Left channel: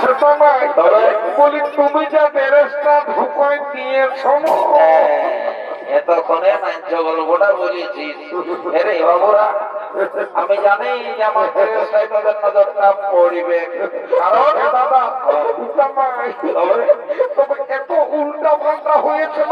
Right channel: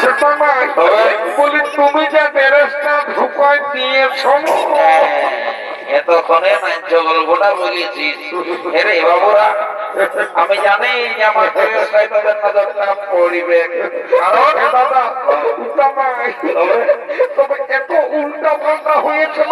সেটা নয়, বলি তুমি যা ড্রেসটা ঢুকায় দিয়েছো এতক্ষণে মাঞ্চ গল্পটা বুঝেছিস। এরে বাবুরা, আমি জানি যে আমার ড্রেসটাই তাদের নজরটা পড়িবে, কারণ দাদা ওটা নয়, তবে এত উল্টা পাল্টা হয়েছিল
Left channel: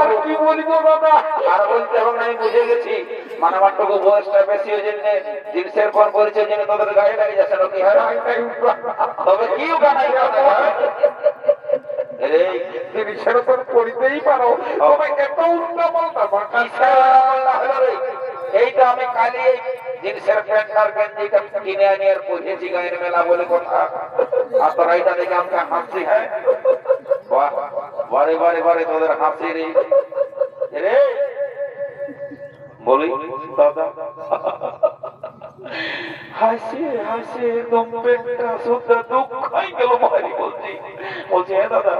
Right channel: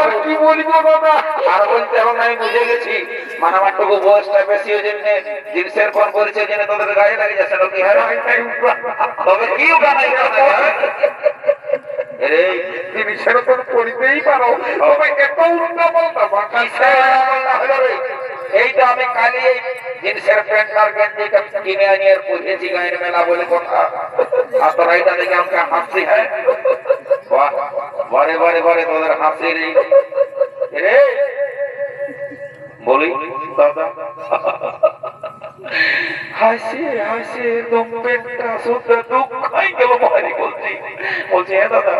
আর কি বলবো দাদা। আর বলতে এখন আমি বুঝে গেছি, মানে আমার টুকু বয়সটা বেশি ওই জন্য জিন্সের পর করেছে জন্য তাদের গায়ে লাগে যাচ্ছে নাকি। হ্যাঁ, তবে কি গায়ে রে জিনিসের উপর পড়িতেই পারো, তবে এত উল্টা পাল্টা বাঁকাইছে। এইটা আমি কালি এই জিন্সের প্যান্ট আর গেঞ্জিটা কিনে আনি আর পরেছি গায়ের মেলা বলে কথা। আর তোরা এইটা দেখে আমাকে হাসি। হ্যাঁ, বাহ, বারে বারে বারে তোদের হাসি রে রে বলি দাদা। হাসি হাসি একদম পেটটা শুদ্ধ দুঃখ হয়ে গেল। ভারী বলছি বলছি হ্যাঁ দাদা,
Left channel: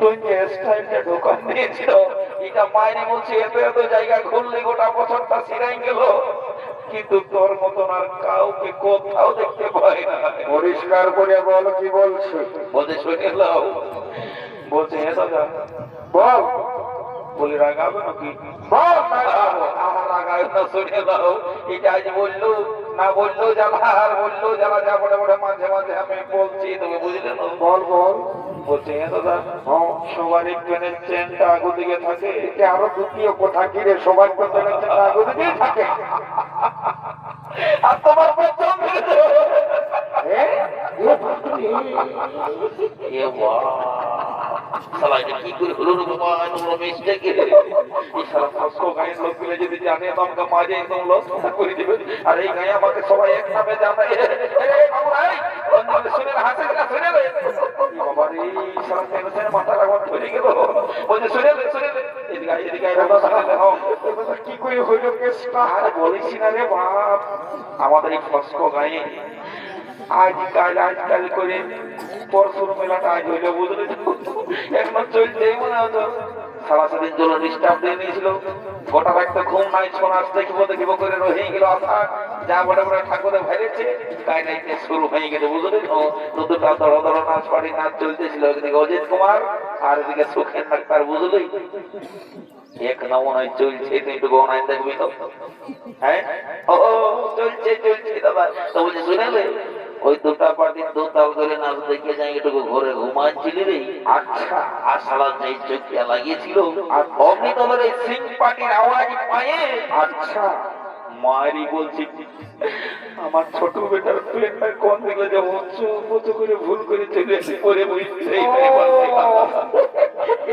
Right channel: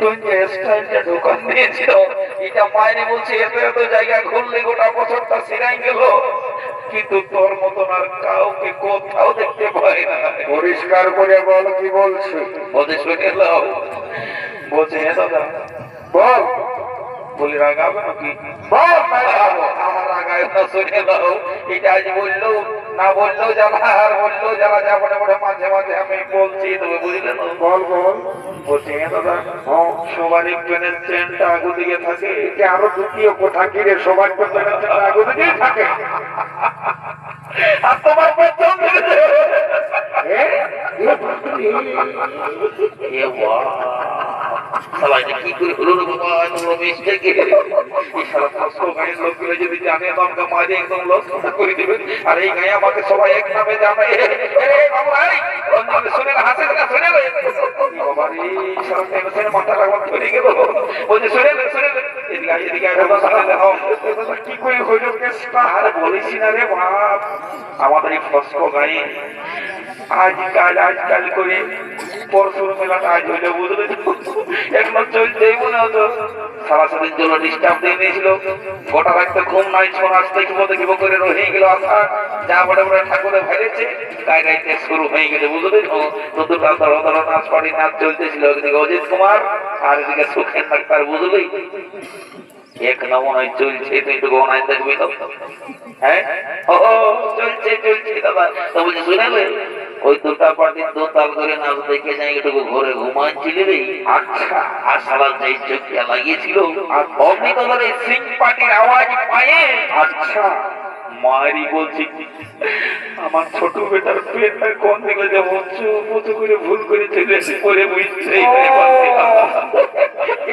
তুই যে স্টাইলটা ঢোকান দিয়েছিল এটা মায়ের বলছি এত এত জায়গা ঘুরলে গোটা বছরটা সিরাই গেল, কিন্তু তোর মতন আর কাউকে কোথাও দেখতে পাই না। পরিষ্কার করে বল কি বলছো। বলছে শুনে লাও, বলছে হ্যাঁ দাদা বল বলি রাগাবে নাকি? বল রাগায় না, শুনে লাও। এটা আজ বললো না বললেও জ্বালা আর বললেও জ্বালা, যা বটে বটে মাঝে মাঝে আমি বলছি, তবে বুঝলে না। বল বল। বলছে হ্যাঁ দাদা, সবারই পেনের চেনটা আগু দিকে থাকে। একে আরো দ্বিতীয় কোথা কিরে সবার তো আগে দিকেই থাকে। আর তোমার পছন্দ কি করে হলো না বাবা, তোমরা মিস্টেক। এই সারা পাঁচশো গায়ের লোকগুলো যদি জানে তো আমাকে মাঝে একদম লস করে দিবে। আর এই গায়ে আমাকে সবাই এক নামে জানে। শুনে হাসে না, শুনে বাবা রে, সারা টেনশনে মাথা লাগা ধরে গেল। বলছে শুনে শুনে এদিকে এদিকে কি করে হইল কেসটা? আর বলিস না রে বাপ, আমাদের এই ফস্কো গায়ে আজকাল করে পরশুর মেলাটা আজ হইলে বুঝলে এখনো চলছেই মনে হতো। সারা সাদিন জন্য ডিস্টার্ব দিয়ে নিয়েছিল, গোটা রাখতে ঘুম নাই, ছোন আসতে কি করে রয়ে গেল আশা। যা বড় বড় ঠাকুরে ভাইরেছে গায়ে গাইতে শুরু হয়ে গেছে বুঝলে। নতুন নাচ পাড়ি নাচ চলতেছিল, এদিকে অজিত কুমার আর এদিকে সুখেন ডাক্তার বুঝলি। এক নমুনায় চলছে, তুই তো গনায় দেখবি তো। হ্যাঁ ও চলছে চলছে দাদা। তো বলছে শুনালে ওই দুটা পার্টি দু তাল করে নাচ দেখে যাই এটুকু ঘরে ঘুমাচ্ছিলি রে। আচ্ছা, আর সারা যাই চোখটা লাগিয়েছিল আর অমনি তোদের এই সিং পার্টির আওয়াজ পায়ে। আচ্ছা মারি বলছি আমার ছোট বেটার পেটটা কোন দিকে যে মতো করে ভুল করে চলে এসে পরে বুঝছে।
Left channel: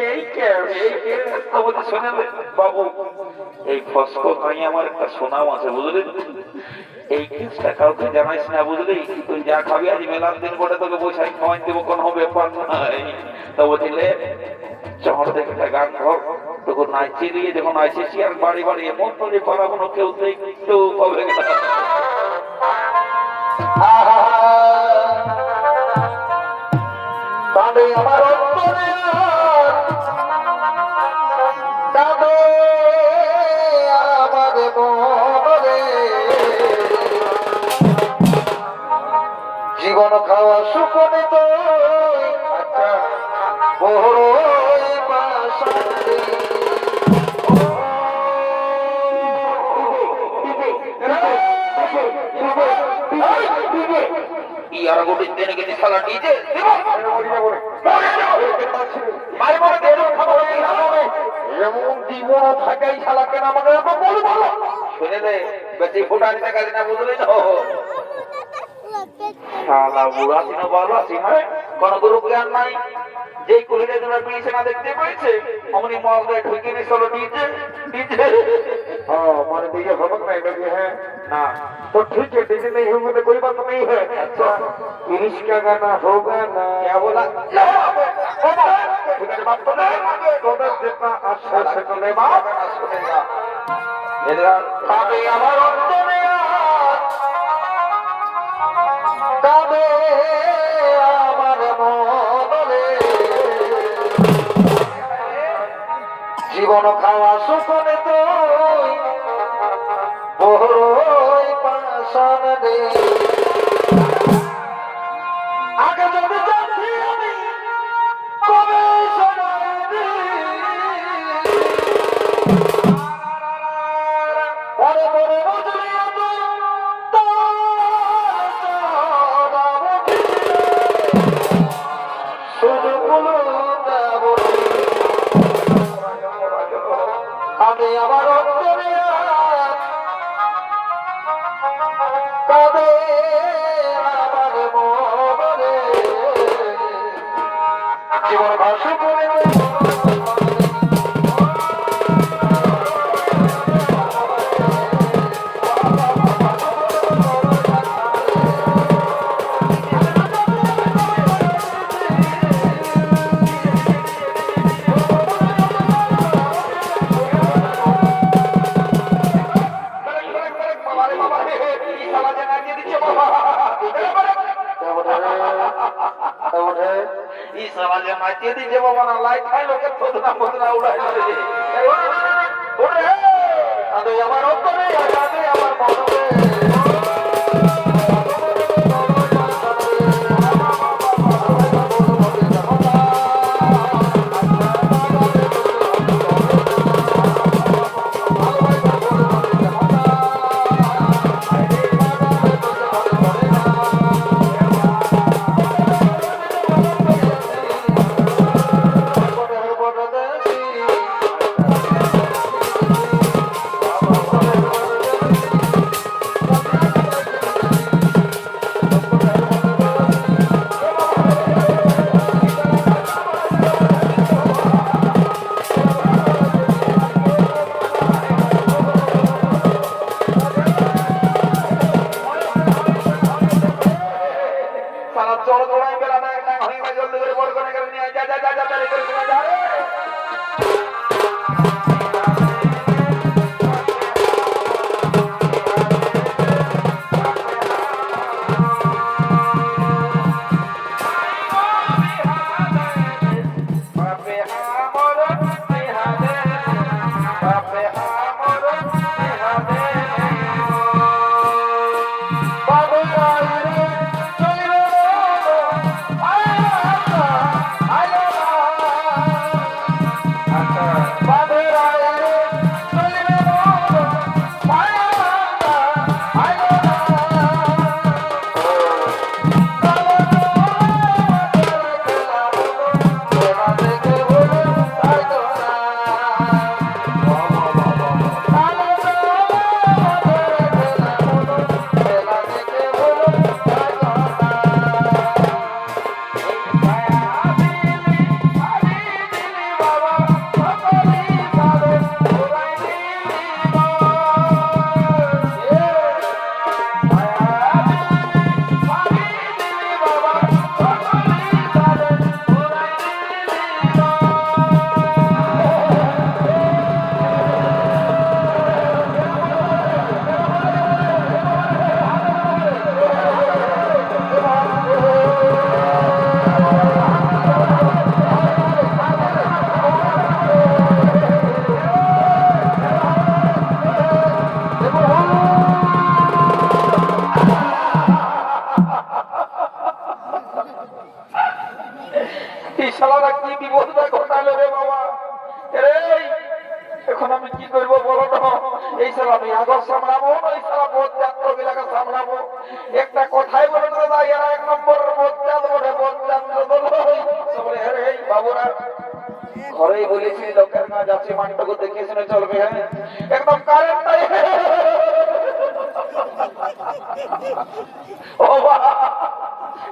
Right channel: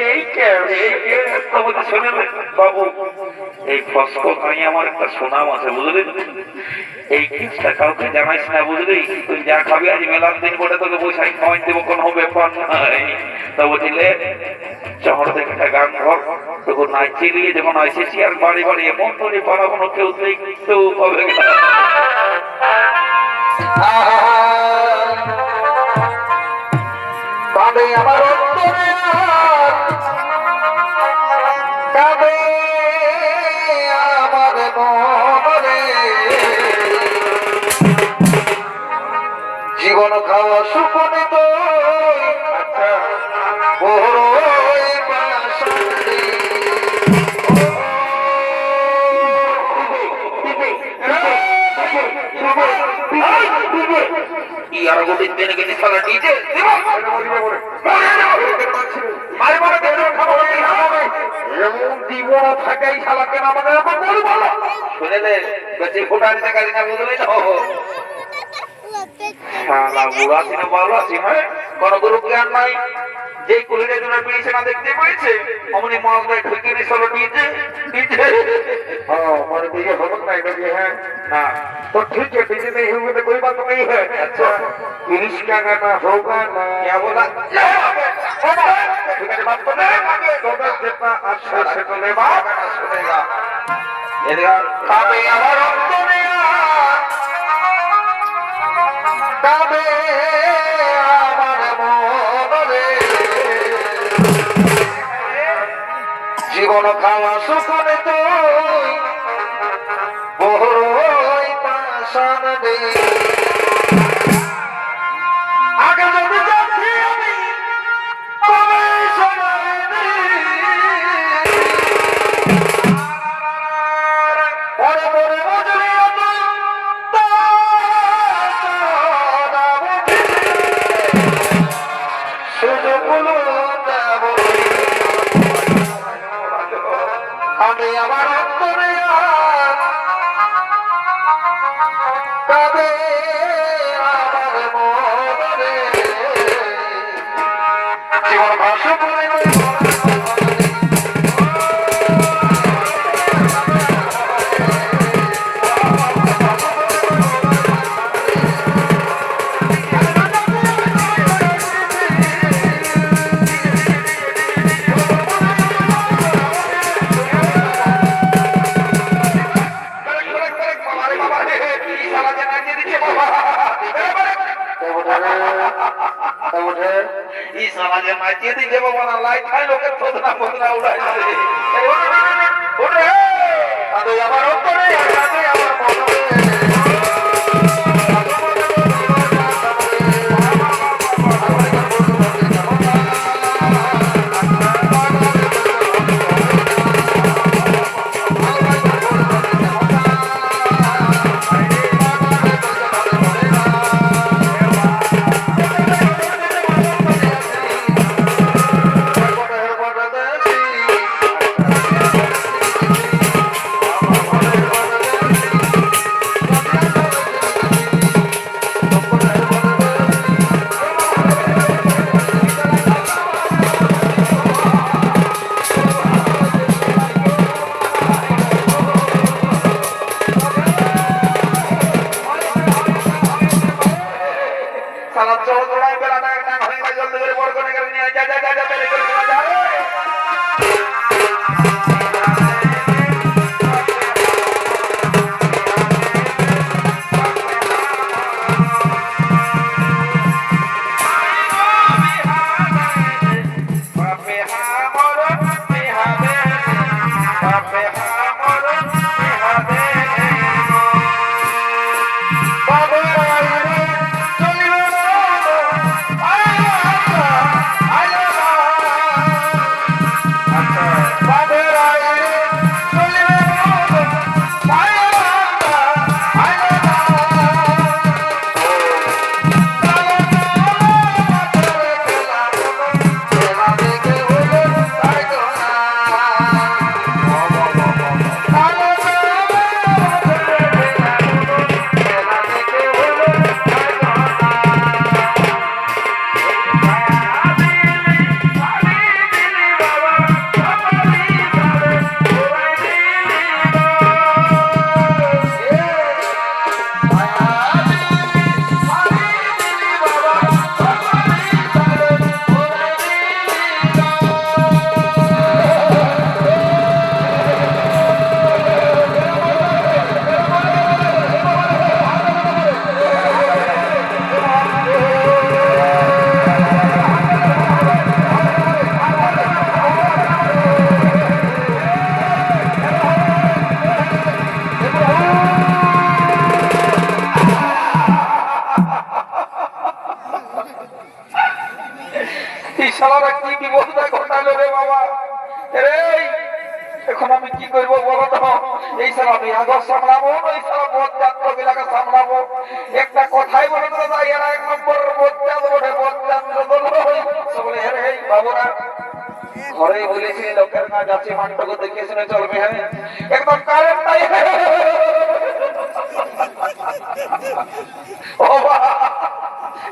এই তোমাকে শুনে বাবু, এই ফস্কো খাই আমার একটা সুনাম আছে বুঝলি। এই কেসটা কাউকে জানাইস না বুঝলি। তুই যা খাবি আজ মেলার দিন বলে তোকে বসাই খাওয়াই দেবো, কোনো ব্যাপার নাই। তা বুঝলে শহর থেকে একটা গান ঘর তখন নাচে দিয়ে যখন এসেছি আর বাড়ি বাড়ি এমন করে পারাবো কেউ দেখতেও পাবে না। তবে আমার তবে আমার মনে জীবন খাওয়া সুপনে তো বড়ই বাসাতে আর গোটির দিনে গেছি খেলা ডিজে এমন জীবন থাকাই শালা কেন আমাদের শুনেলে বেশি ফুটার টাকা দিনা বুঝলি না। শালা বুড়া ছিল ভালো আছি মানে কোন গুরু জ্ঞান নাই। যে কুলিরে তোরা পেয়েছে না দেখতে পেয়েছে অমনি মহাশয় ঢুকে নিয়ে চলো ডিজে ডিজে। हमारे दिए भगत नहीं लगे हैं ना तो ठीक है, डीजे नहीं होंगे तो कोई बात नहीं है। अच्छा इंग्लिश का गाना होगा ना? क्या बोला? तो मैं जितना अच्छा से तो ले बात सुनेगा इधर काबे हमारा दुनिया काबे हमारे मोहरे জীবন খাওয়া সুখনে তুই বড়ই পাশান রে। আগ আগে যদি জানছি আমি কবে শোনাবি পরে পরে বুঝলি শুধু বলুন আমি আমার অন্তরে তবে আমার মনে জীবন ভাষা করে সমাজে মাইকে দিকে বাবা না লাইট খাই লোকের থোদনা ফোদনা উড়াই যাবে আমার অন্তরে আমার মনে এখন আমি কি করবো বলো তো? এই সাল আমি আগর সামলাবো, ওই সাল বজ্জাত গুলাকে সামলাবো। একটা কথাই বলে দিলে যাই এরা এক নম্বর বজ্জাত বলে বজ্জাত বলে হে বাবুরা ঘরে বলেছি লোকের কাজ আছে মানটাকে দেখে শুনে চলবে। হ্যাঁ একদম কারেন্ট নাই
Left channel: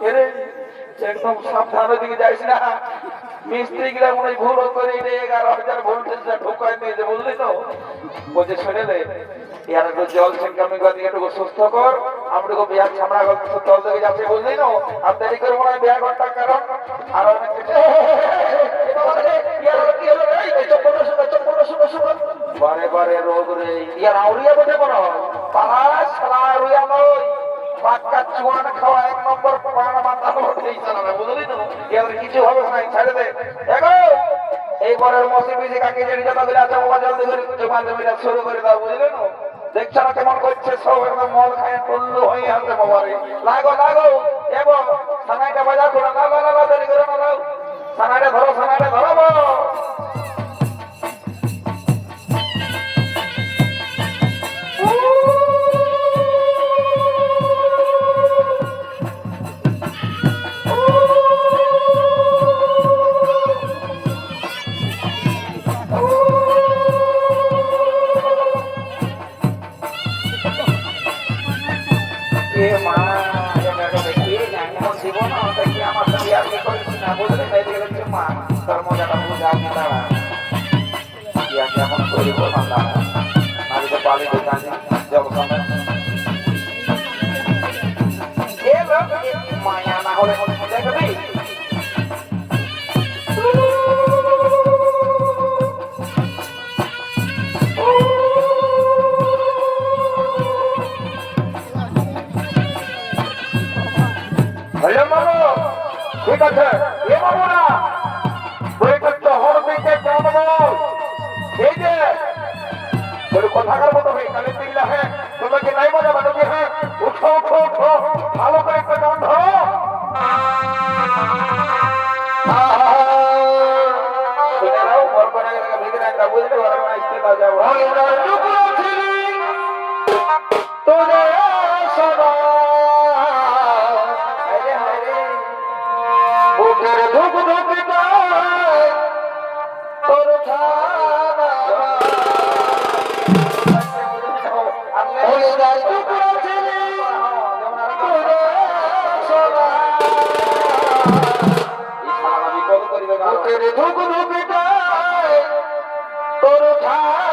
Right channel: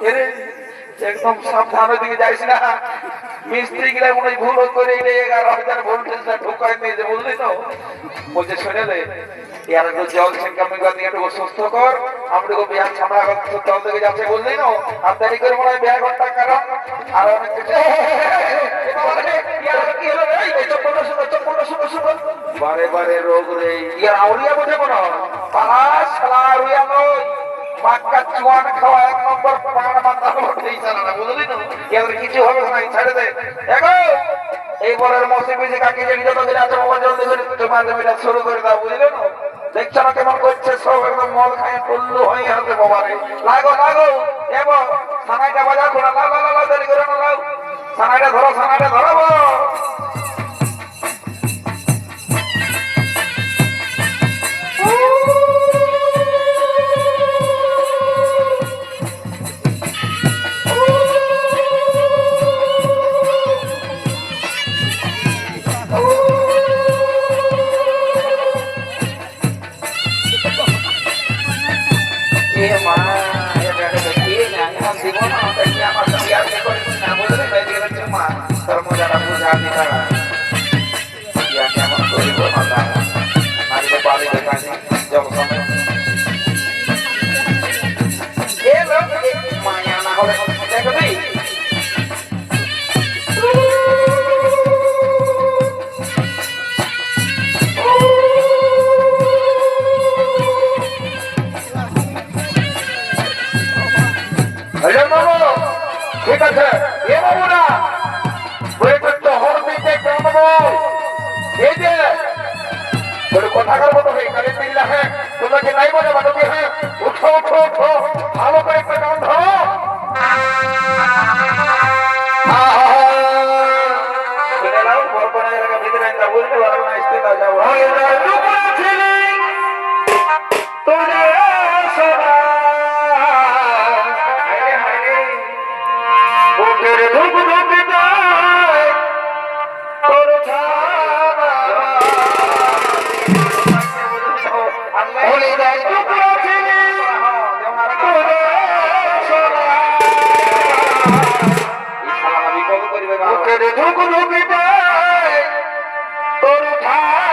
এরে একদম সাবধানে দিকে যাইস না। মিস্ত্রি গিলা মনে ভুল করে 11,000 ভোল্টেজটা ঢুকাই দিয়েছে বুঝলি তো। বলছে শুনে রে ইয়ার একটু জল ছিনকামি করে দিয়ে একটু সুস্থ কর, আমি তো বিহার ছামড়া তল থেকে যাচ্ছে বুঝলি না। আর দেরি করে মনে হয় বিহার ঘন্টার কারণ আর অনেক কিছু বারে বারে রোগ রে ইয়ার আউরিয়া বোঝে কোনো পাঁচ সালা আউরিয়া নয় পাক্কা চুয়ান খাওয়া এক নম্বর পাড়া মাথা উঠেই চালা না বুঝলি না। এদের কিছু হবে না ছেড়ে দে এগো এই বরের মসি বিজি কাকে যে যত দিন আছে ও জলদি করে জমা জমিটা শুরু করে দাও বুঝলে না। দেখছো না কেমন করছে সব একদম মদ খায় টুল্লু হয়ে আছে বাবারে। লাগো লাগো এগো সানাইটা বাজাও খোলা লাও লাও লাও দেরি করে না লাও সানাইটা ধরাবো এ মা এ বেটা দেখি এমন দিব না দেখি আমার সাথে আর কি করে না বলতে মেয়ে গেছে মা তোর মজাটা বুঝা দিতা ইয়া কেমন করে বল মাথা মারিতে পারে দোকানে যাব সময় এ লোক মায়া না হলে দেখবি ঠিক আছে এ বাবুরা বৈপত্য হর দিতে কেমন এই যে তোর কথাকার মতো হয়ে কালে পিল্লা হ্যাঁ তোমাকে নাই বলে বাটবে হ্যাঁ উঠো উঠো উঠো ভালো করে কেমন ধরো শুনে নাও বরপনে ভিতরে একটা বলতে পারো না আসতে দাও যাবো তোরে সবা বুকের ধুক ধুক যায় তোর ছাড়া ভুলে যায় টুকরা ছেলে তোরে সোনা বুকের ধুক ধুক যায় তোর ছাড়া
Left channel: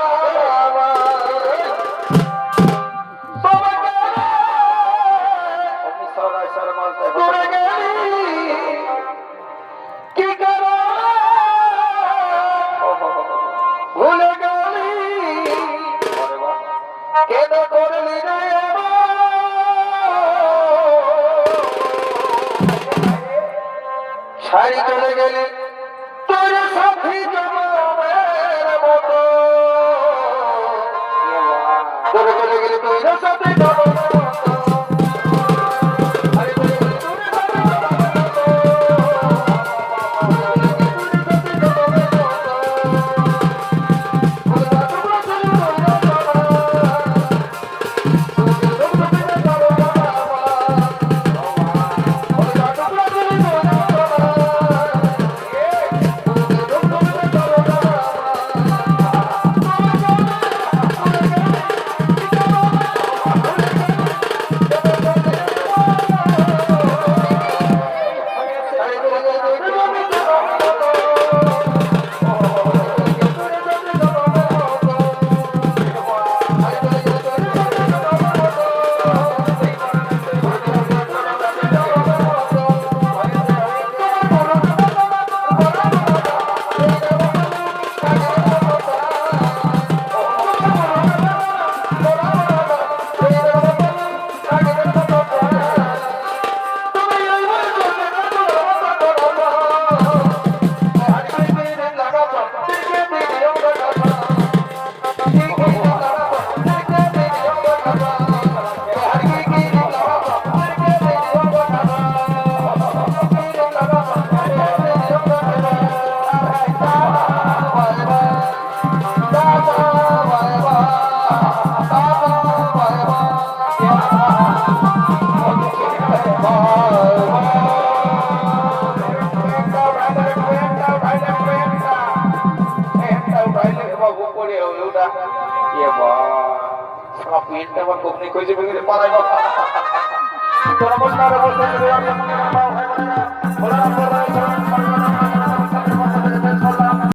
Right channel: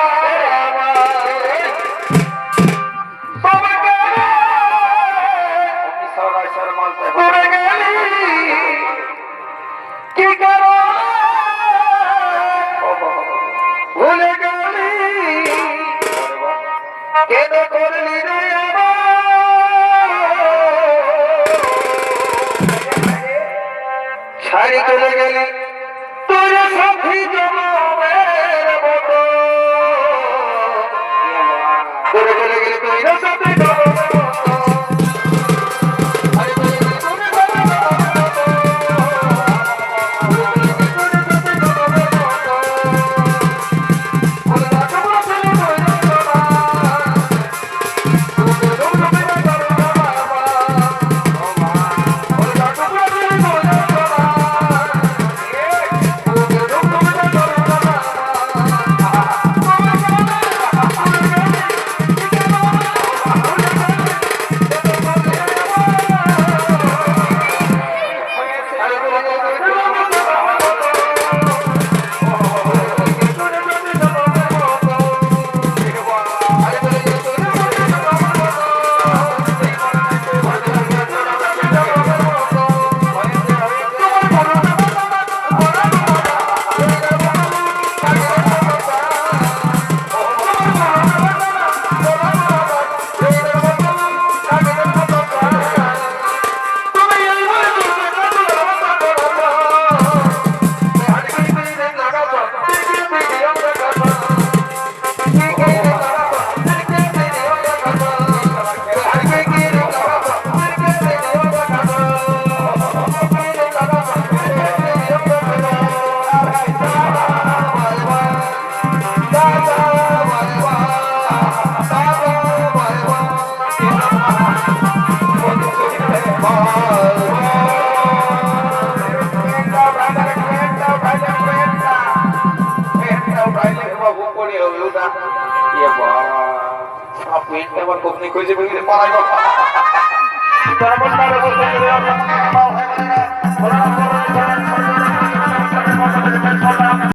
তোরে গেলি কি করো ভুলে গেলি কেন করলি রে ছাড়ি চলে গেলি তোর সাথী জনমের মতো তোরে চলে গেলি তোর সাথী Kau